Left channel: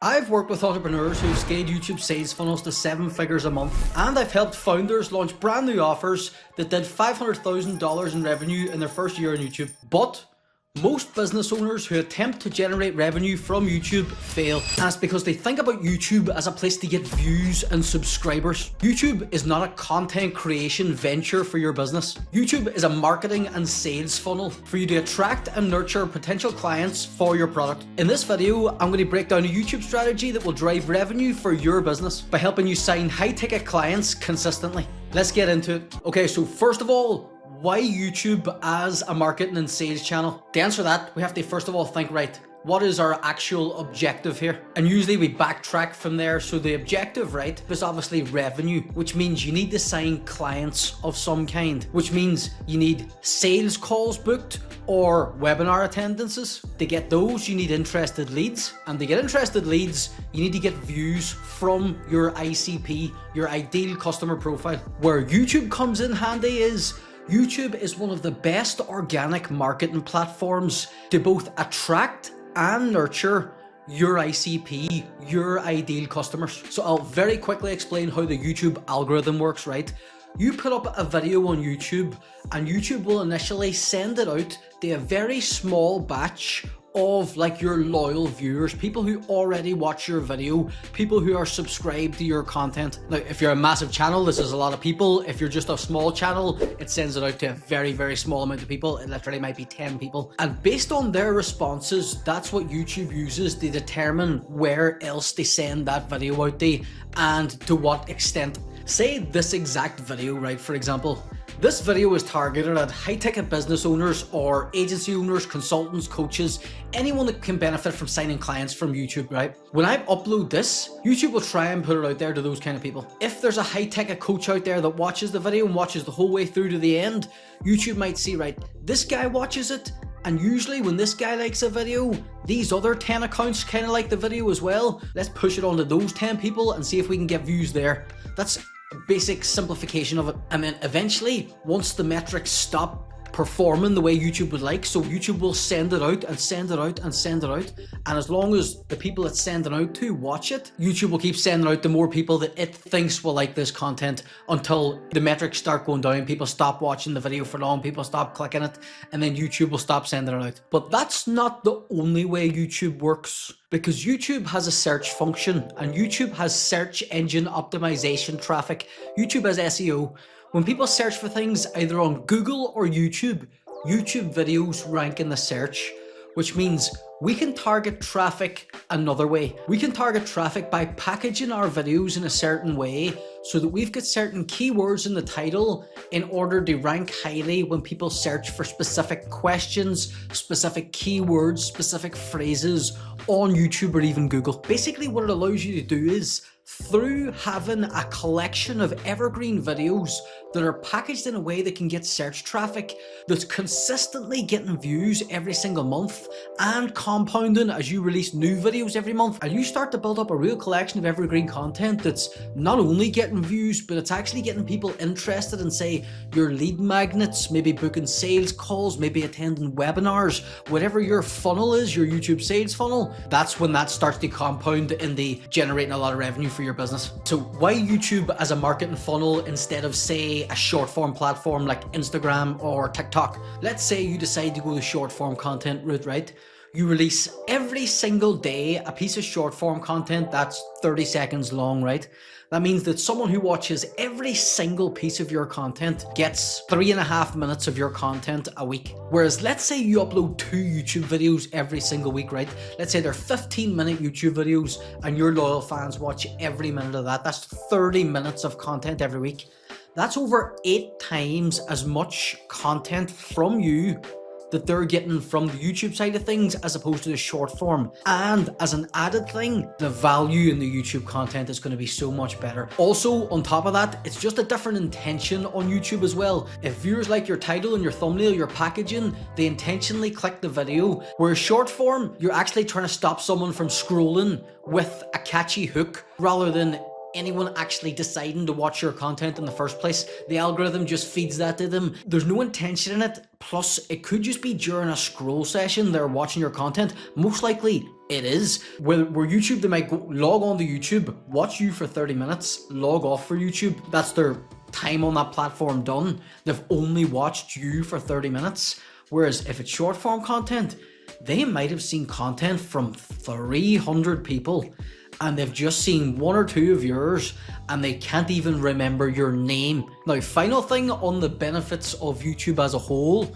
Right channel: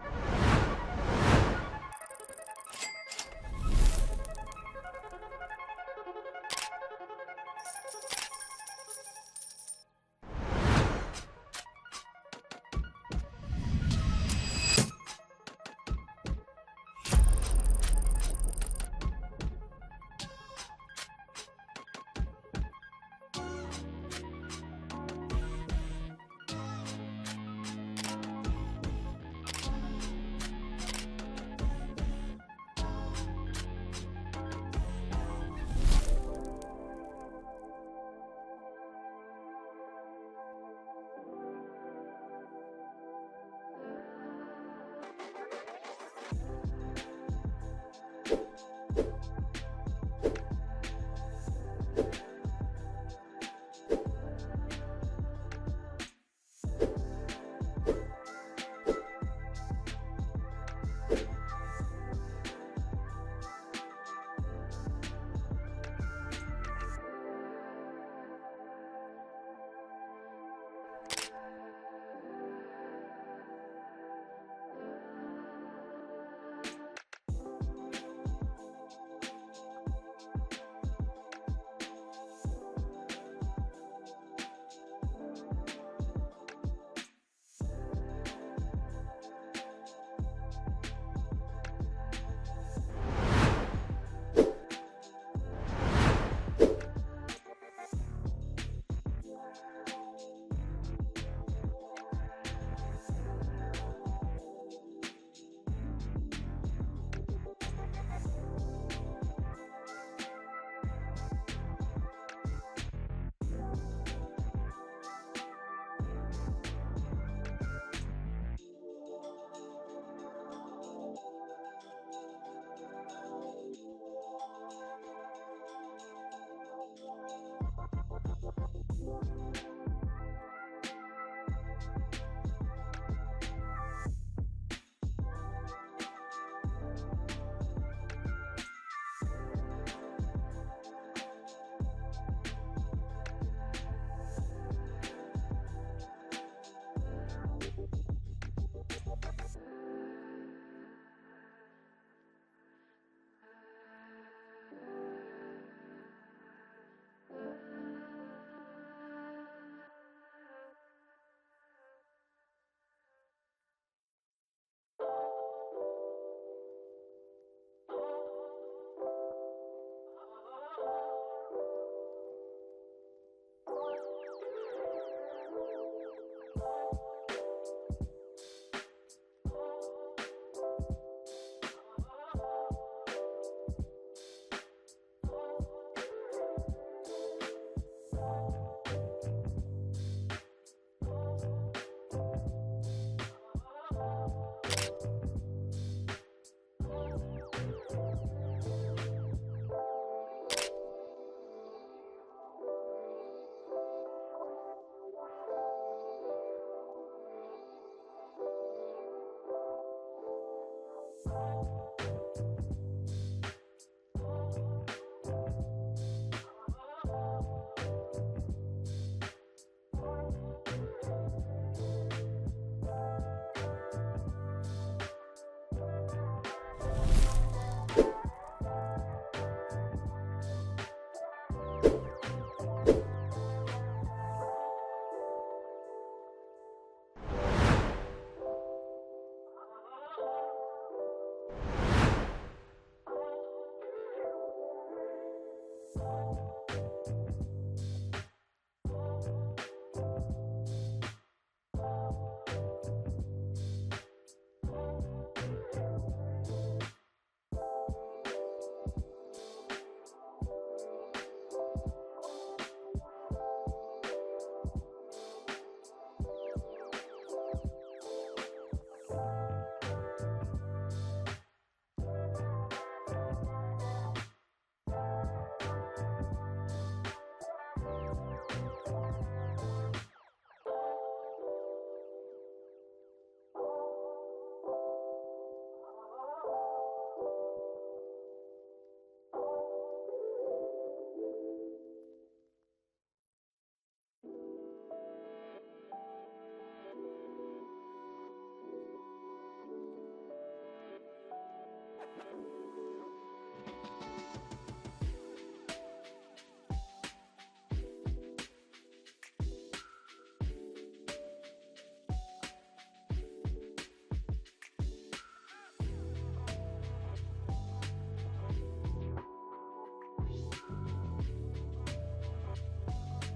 I've worked with entrepreneurs who scale YouTube sales funnels to 7 figures a month, and I've helped founders launch brand new offers that did $500,000 in revenue in their first year on YouTube. But most business owners who attempt to generate revenue from YouTube fail. And it's because they think about YouTube as a place to get views and subscribers. YouTube is not a content creation venture for your business. YouTube is a marketing and sales funnel for you to attract and nurture potential clients for your product. In this video, I'm going to break down a YouTube strategy that will drive revenue for your business by helping you sign high-ticket clients consistently. Let's get into it. Okay, so first of all, why YouTube as a marketing and sales channel? To answer that, we have to first of all think, right, what is our actual objective here? And usually we backtrack from there. So the objective, right, is obviously revenue, which means you need to sign clients of some kind, which means you need sales calls booked or webinar attendances. To get those, you need interested leads. And to get interested leads, you need to get views from your ICP, your ideal customer profile. Where YouTube comes in handy is YouTube is one of the best organic marketing platforms to both attract and nurture your ICP, your ideal customers. So I'll very quickly explain how the YouTube algorithm works, right? You put up a video on YouTube and YouTube will initially send it out to a very small batch of like your loyal viewers, people who already watch your video, people who are subscribed to your content. Now, if you're a massive channel, this is a lot of people. If you're just a small channel, it sends it out to a very, very small amount of people. It literally might be 10 people. And based on their responses, that's what YouTube uses to determine where else they send that video out to and to what extent. Say this exact video, right, for example, this video is targeted at high-ticket business owners or agency owners, consultants, coaches, anyone that can benefit from signing clients from YouTube, right? When I upload this, YouTube will try and put it out there to those kind of people. If there's a high-ticket coach out there that watches the video and watches the whole way through to the end, YouTube might see, right, this guy watches it, and usually when this guy likes a video, these other 10 accounts kind of like the video as well. Let's push it on to those 10 people and see if we can get views there. That's basic simplification of it. And then eventually, once the metrics stop performing the way YouTube would like, so YouTube will send it out and send it out and send it out, and as long as the people it's sending out to watch it, YouTube will keep sending out to more people that it thinks will like this content until the metrics start going down, people stop watching the video for long, people stop clicking it, and then YouTube will stop sending it out. But that's not the only way YouTube works, because YouTube has a search function and YouTube has search engine optimization traffic. YouTube has SEO. When people search for things either on Google or YouTube, YouTube videos rank in the search, which means we can target traffic another way. We can target traffic by packaging our videos in a certain way so that we've got certain keywords in the title in order to rank highly when people search for specific questions, specific keywords, specific phrases on YouTube or even Google. Basically, what it allows you to do is, through having a collection of evergreen videos that are packaged in a way that can get search traffic, that's consistently getting views every single month and compounding as you release new videos every month, and you start to build up a real collection of evergreen content that's not only getting views, but it's actually getting people interested in, say, your lead magnets, maybe booking sales calls, maybe attending webinars, whatever your funnel is, your YouTube sales funnel. That's when that starts to compound into generating a lot of revenue for your business. So why YouTube as a marketing funnel instead of, say, a short form platform like Instagram or TikTok? Let's say you decide to go the short form content route, right? You release every single day a piece of short form content that's 30 seconds long, right? That means that someone who watches every single piece of your content gets 3.5 minutes of your content a week. Whereas let's say you upload 2 YouTube videos every single week, right? Let's say they're 15-minute YouTube videos and your loyal fans watch every minute of that. That's 30 minutes of content every week. That's over 8 times as much content from you that they're getting from the YouTube side of things as opposed to the short form. And as an added thing, the value in the YouTube content is going to be so much better. Also, on top of that, it's just a different intention on YouTube as well. If viewers like your title and your thumbnail, your packaging, they intentionally click the video. Whereas short form, you're actually trying to stop someone from scrolling with a catchy hook rather than anyone actually deciding to watch your content in the first place. The algorithm just feeds that to them. There's no intention in it. Plus, it could just be during a scroll session they're watching your content. Most likely, it is. Where YouTube, they might log on to YouTube, watch you for 30 minutes, log off for YouTube. That's their time on that platform done. They've only watched you for 30 minutes. Whereas if it's short form content, they might have seen content from 300 people and they've just seen one or two of yours and they can't even remember your name. Now, final thing on the benefits of YouTube as a whole,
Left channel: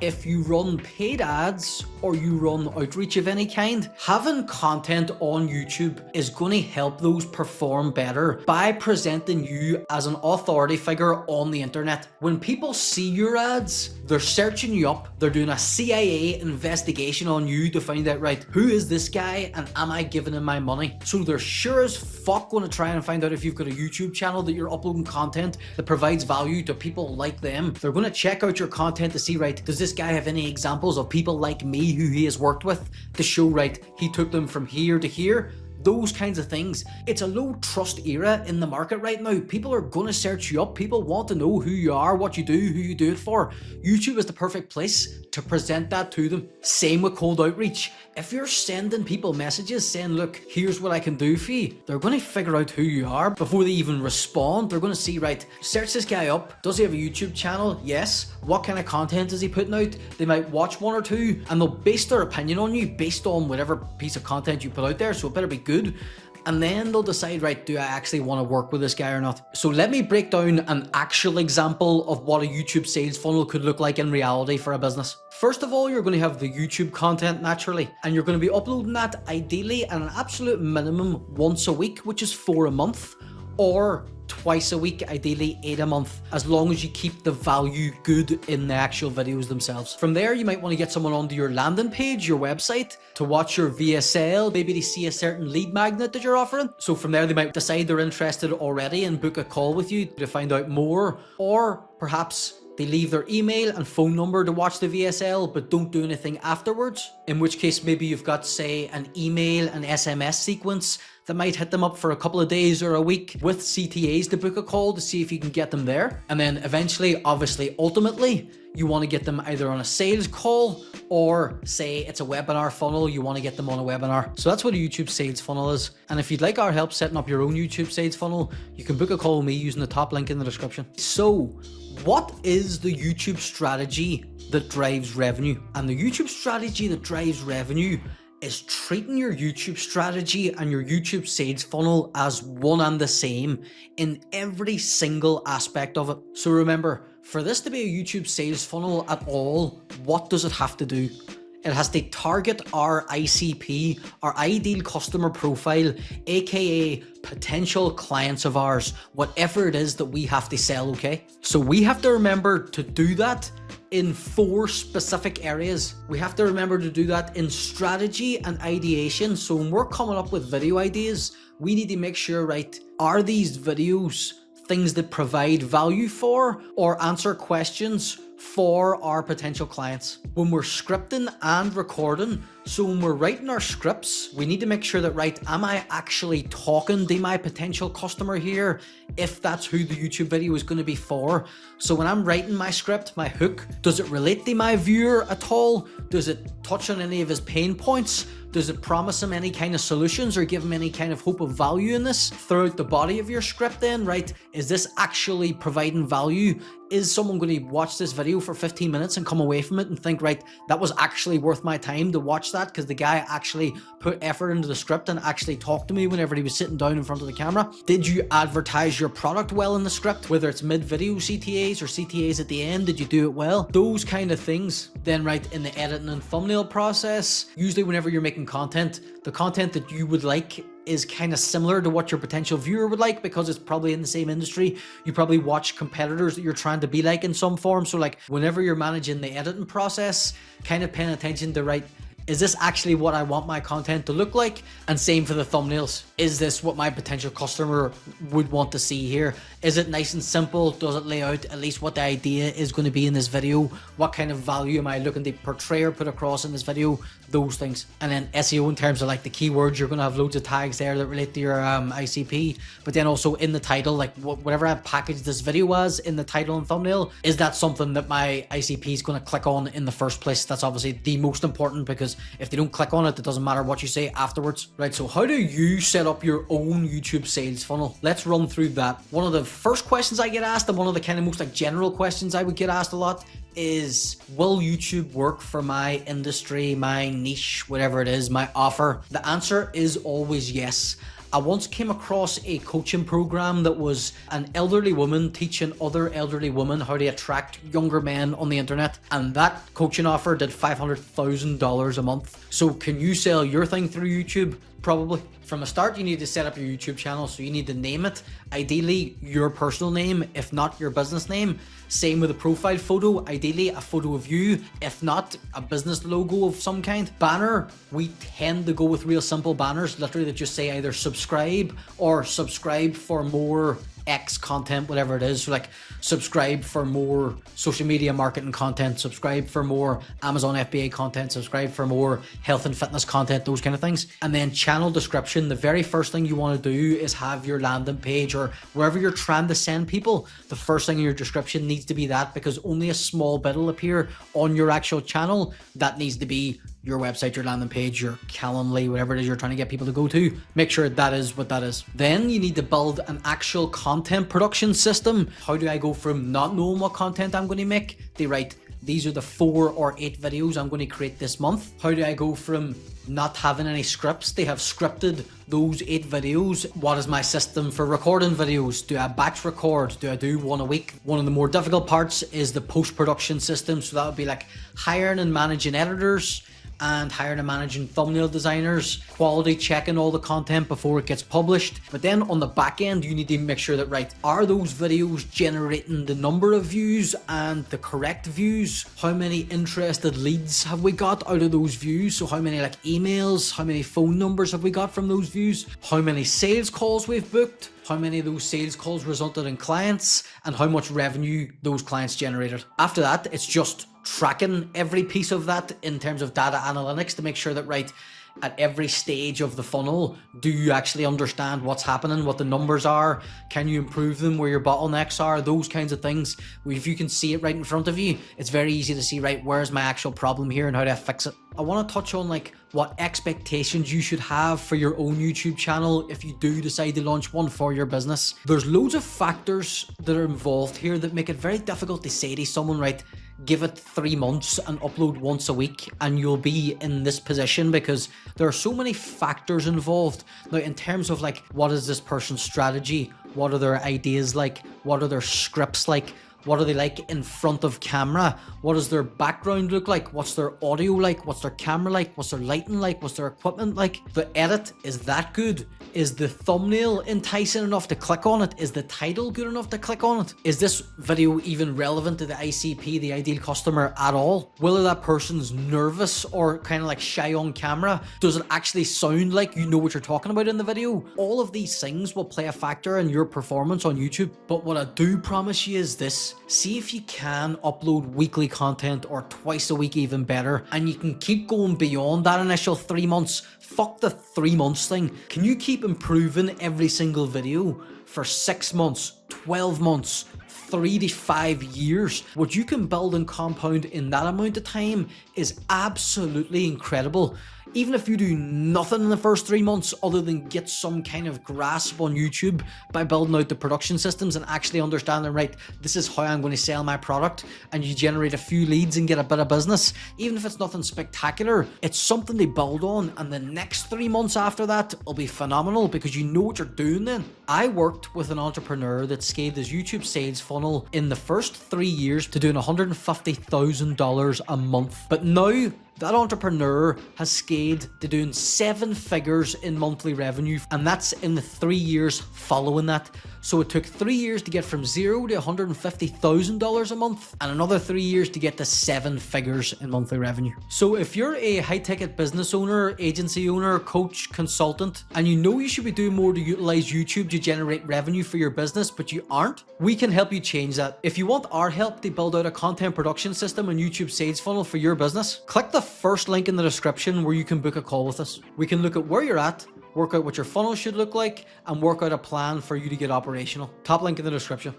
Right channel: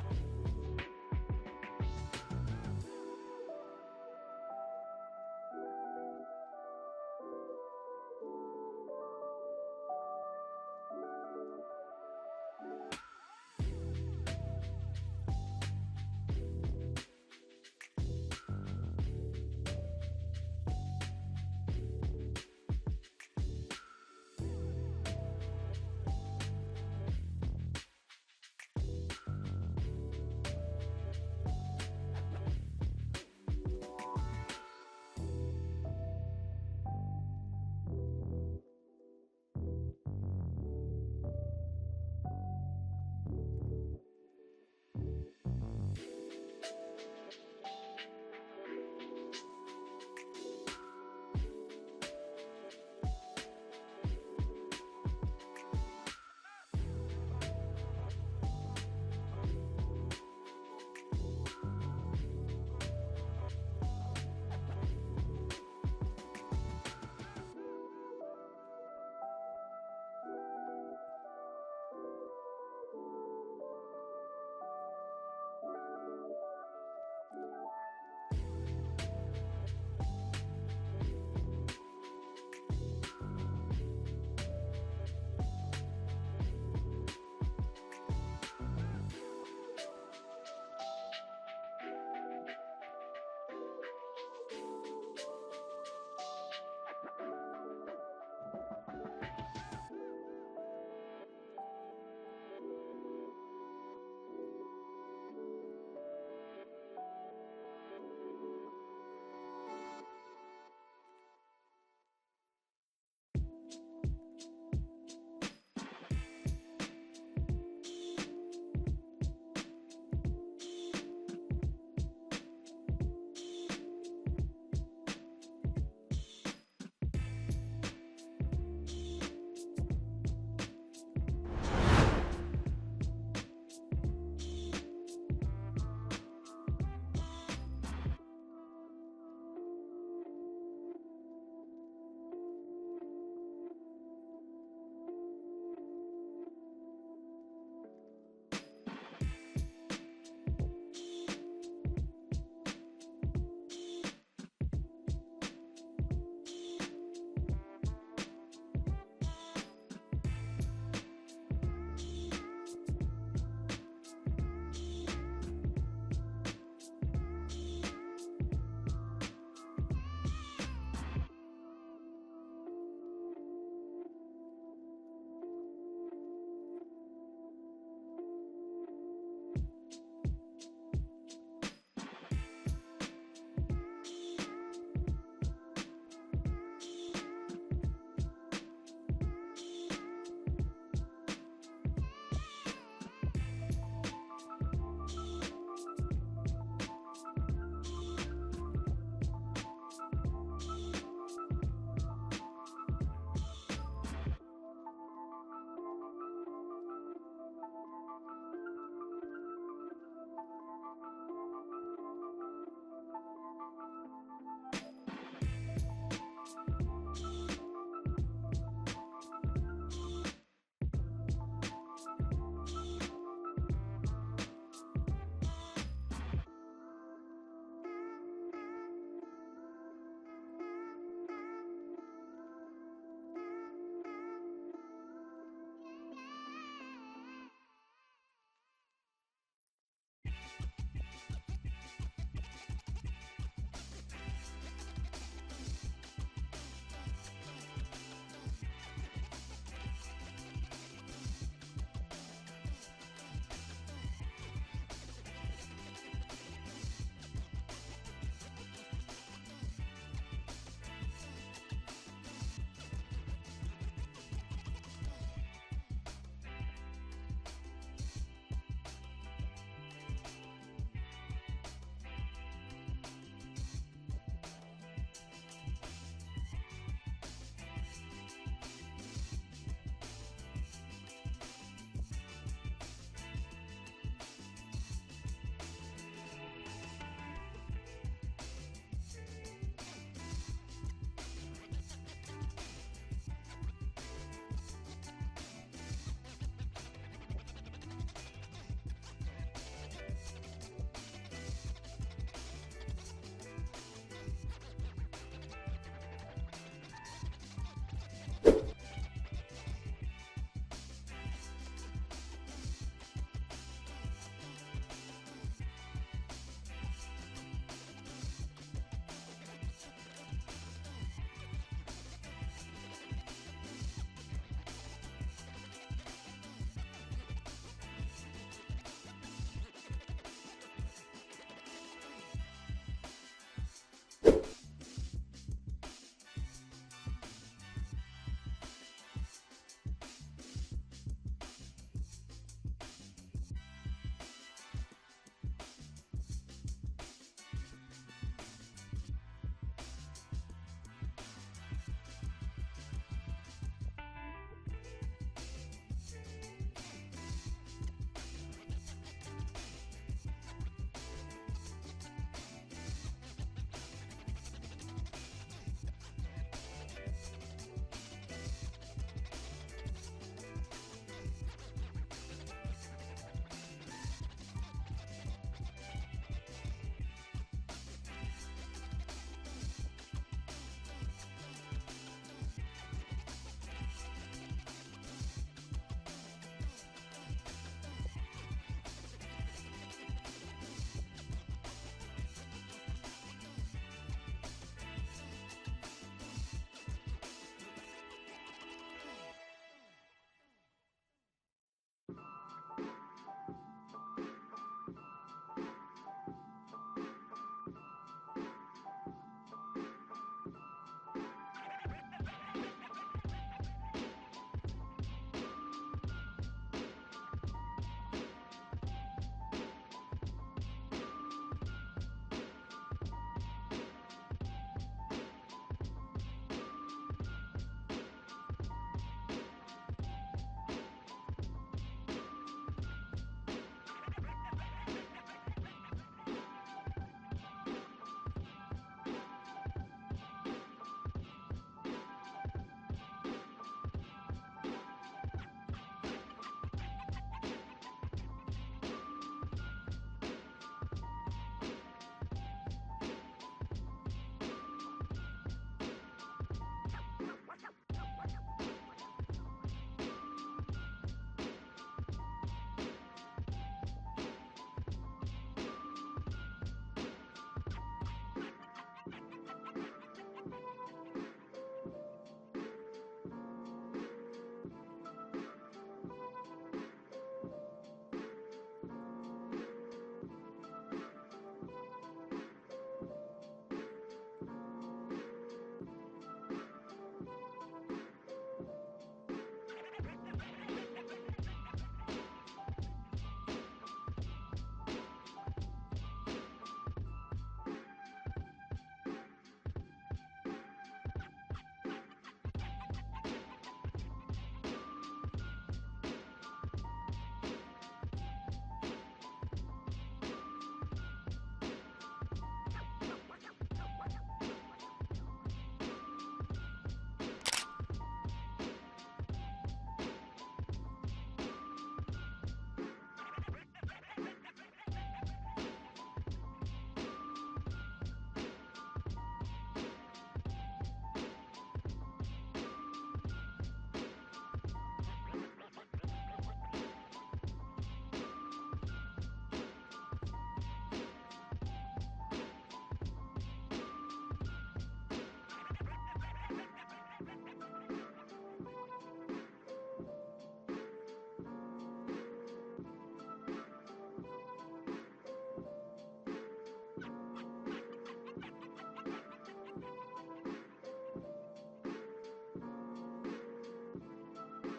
if you run paid ads or you run outreach of any kind, having content on YouTube is going to help those perform better by presenting you as an authority figure on the internet. When people see your ads, they're searching you up, they're doing a CIA investigation on you to find out, right, who is this guy and am I giving him my money? So they're sure as fuck going to try and find out if you've got a YouTube channel that you're uploading content that provides value to people like them. They're going to check out your content to see, right, does this guy have any examples of people like me who he has worked with to show, right, he took them from here to here? Those kinds of things. It's a low trust era in the market right now. People are going to search you up. People want to know who you are, what you do, who you do it for. YouTube is the perfect place to present that to them. Same with cold outreach. If you're sending people messages saying, look, here's what I can do for you, they're going to figure out who you are before they even respond. They're going to see, right, search this guy up. Does he have a YouTube channel? Yes. What kind of content is he putting out? They might watch one or two and they'll base their opinion on you based on whatever piece of content you put out there. So it better be good. And then they'll decide, right, do I actually want to work with this guy or not? So let me break down an actual example of what a YouTube sales funnel could look like in reality for a business. First of all, you're going to have the YouTube content naturally, and you're going to be uploading that ideally at an absolute minimum once a week, which is 4 a month, or twice a week, ideally 8 a month, as long as you keep the value good in the actual videos themselves. From there, you might want to get someone onto your landing page, your website, to watch your VSL, maybe they see a certain lead magnet that you're offering. So from there, they might decide they're interested already and book a call with you to find out more, or perhaps they leave their email and phone number to watch the VSL, but don't do anything afterwards. In which case, maybe you've got, say, an email and SMS sequence that might hit them up for a couple of days or a week with CTAs to book a call to see if you can get them there. And then eventually, obviously, ultimately, you want to get them either on a sales call or say it's a webinar funnel, you want to get them on a webinar. So that's what a YouTube sales funnel is. And if you'd like our help setting up your own YouTube sales funnel, you can book a call with me using the top link in the description. So what is the YouTube strategy that drives revenue? And the YouTube strategy that drives revenue is treating your YouTube strategy and your YouTube sales funnel as one and the same in every single aspect of it. So remember, for this to be a YouTube sales funnel at all, what does it have to do? It has to target our ICP, our ideal customer profile, aka potential clients of ours, whatever it is that we have to sell, okay? So we have to remember to do that in 4 specific areas. We have to remember to do that in strategy and ideation. So when we're coming up with video ideas, we need to make sure, right, are these videos things that provide value for or answer questions for our potential clients? When we're scripting and recording, so when we're writing our scripts, we need to make sure that, right, am I actually talking to my potential customer here, if that's who the YouTube video is going to be for? So when I'm writing my script, my hook, does it relate to my viewer at all? Does it touch on any of his pain points? Does it promise him any kind of solutions or give him any kind of hope of value in this throughout the body of your script then, right? Is this actually providing value? Is someone going to watch this video for 15 minutes and come away from it and think, right, that was actually worth my time to watch that because the guy actually put effort into the script and actually talked to me whenever he was sitting down in front of the camera? Did you advertise your product well in the script? Whether it's mid-video CTAs or CTAs at the end, did you do it well? Those kind of things. Then, right, in the editing and thumbnail process, usually whenever you're making content, the content that you would like is kind of similar to what your potential viewer would like because it's probably in the same industry. You probably watch competitors that you're trying to be like in some form. So like whenever you're managing the editing process, kind of paying attention to, right, is this actually what I want my content to look like? And same for the thumbnails. Is this what my potential customer would want to see here? Is it nice and simple? Does it lay out at least what the idea is going to be in this video? What kind of value am I looking to portray or put across in this video? those things. And then SEO in terms of like the keywords, you're going to have loads of tags there that relate to your ICP, but then also in the title, like whatever I've packaged this video as in the title and thumbnail, is that something that my ICP is going to click on in the first place? That's obviously the most important, because if they don't click on it, it doesn't matter what you say afterwards, right? So how do you set up your own YouTube sales funnel? Let's run through that. One of the first questions I get asked, and one of the kind of most like general questions I would get asked a lot, is will YouTube work for my industry, my niche, whatever it is, my offer? The answer is always yes. I once came across a coaching program that was an elderly woman teaching other elderly women how to attract younger men on the internet, and that coaching offer did $500,000 a month. So can you sell your thing through YouTube? Probably. From the start, you need to set up your YouTube channel, so you need to name it. Ideally, your personal name, if not your business name. Same with a profile photo, ideally a photo of you, if not a business logo of some kind. Banner, we tend to go with real simple banners, literally that just say either subscribe or subscribe for more X content, whatever it is. So like subscribe for more social media marketing content, subscribe for more Amazon FBA content, subscribe for more health and fitness content, those kind of things. And then channel description, the very first thing you want to do is have your landing page or wherever you're trying to send people, the first thing in your description needs to be that, because only a small bit will appear on your actual channel. That needs to be your website, your landing page, your Calendly, whatever it is you're trying to get people to go to. Make sure that is what that is. Then you need to build an actual content production system. How do I go from not knowing what content I'm going to make to right, these are the 4 or 8 videos I'm going to create this month? How do I go from not having any scripts? They have scripted those 8 videos. What is my system for recording videos? Do I batch record? Do I do one a week? One of the more difficult parts is the post-production system. So that would be like hiring and managing editors, and hiring and managing thumbnail designers, quality checking all the content before it gets published. But then on the back end, you need to make sure that, right, are those videos generating the number of views and the correct views? How many interested leads have we got out of those views? So how many like emails, how many phone numbers have we got from those views? How many sales calls we've booked? How many of those sales calls resulted in clients, and how much revenue those clients generated. After that, it's just tracking every piece of that in terms of data analytics to make sure that, right, at every stage of the funnel, do you actually understand what's happening, what the numbers are? Can you improve them, where your bottlenecks are? Those kinds of things. If you can see it right in front of you, it's very easy to see, right, where's my actual problem here and how do I fix it? I want to touch on like what expectations you should have for your own YouTube channel if you do decide to launch one for your business. There's loads of factors that are involved here that make it very difficult to say to someone, right, give it 3 months and upload once a week and you'll be in this position, because there are so many factors involved. Now, in terms of like, what is this person's strategy? What are their ideas like? What are their scripts like? What are they like in front of camera? What does their background look like? What's their audio like? What's their camera like? What's their lighting like? What's their equipment like? The edit, is that good? Is the thumbnail enticing enough to click on it? Is the title good enough to click on it? Is this video even relevant to the ICP, the ideal customer, at all? Whether that person's nervous or kind of like shy on camera, does it actually sound like you know what you're talking about in the video? All of these things will play a factor in your performance on YouTube. But what I do promise you is this: see if you can upload weekly content, or twice a week, even better, and you can keep going beyond that initial 3 months. Fuck the 3 months thing. Can you keep improving every single video for 6 months, 12 months, 3 to 5 years? What you can build and compound in that amount of time is absolutely incredible. Even if you do nothing in the first 3 months other than get some kind of grasp on YouTube by building out the production systems and actually understanding, right, this is how I'm going to sell my product, and you generate a few leads and get a bit of business, even if it's nothing spectacular, it's something to build on, and the next 3 months after that will be phenomenal because you know what you're doing then. I worked with an entrepreneur that scaled his YouTube sales funnel in the first 3 years to doing $150,000 a month, but now that entrepreneur has scaled to doing 7 figures in monthly revenue, and that's in the 3 years following that. So it took 3 years to get from $0 to $150,000 a month, and another 3 years to get to 7 figures in monthly revenue. So if you're a high-ticket business owner, agency owner, coach, consultant, and you know you should be doing more to utilize YouTube to generate revenue for your business, but you aren't, we can help you change that. If you want our help to build out a content production system and YouTube sales funnel for your business, click the first link in the description where you can book a call with us. We can look at where you're at, work out what your funnel should look like, and work out a plan for you to get operational. Top link in the description.